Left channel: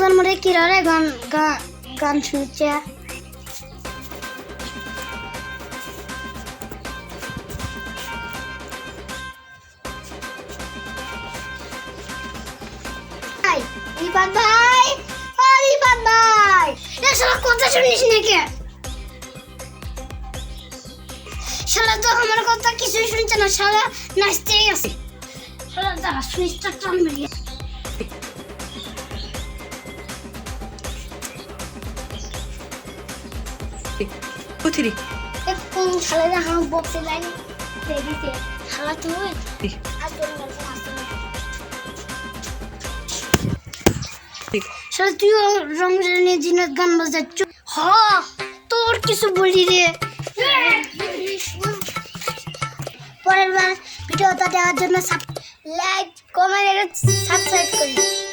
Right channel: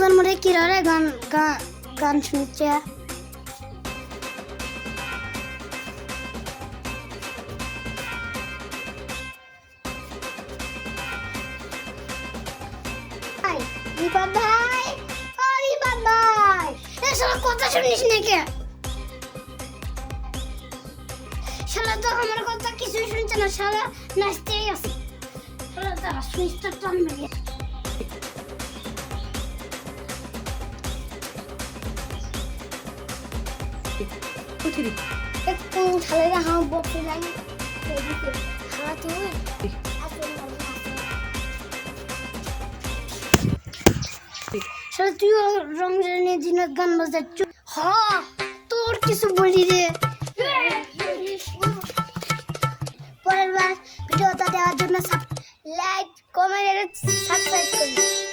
রমজান মধ্যে কিরারে গান গান গান শুনছে রিফাত ভাই ও রিফাত ভাই এ শালা কথা শুনিস নাকি শালা তো আমার কথা কিছুই শুনছে না শালা নাচতেই আছে শালা দাঁড়া সুইচটা টান মেরে Putri. একটু শালা হাম বক্সে লাইন দেখি শালা তুই শালা তুই রমজানের দিনে গান বাজাচ্ছ হ্যাঁ তোর কিছু বলি রে পরের বার ভিডিওটা দেওয়ার জন্য লাইক কমেন্ট সাবস্ক্রাইব করুন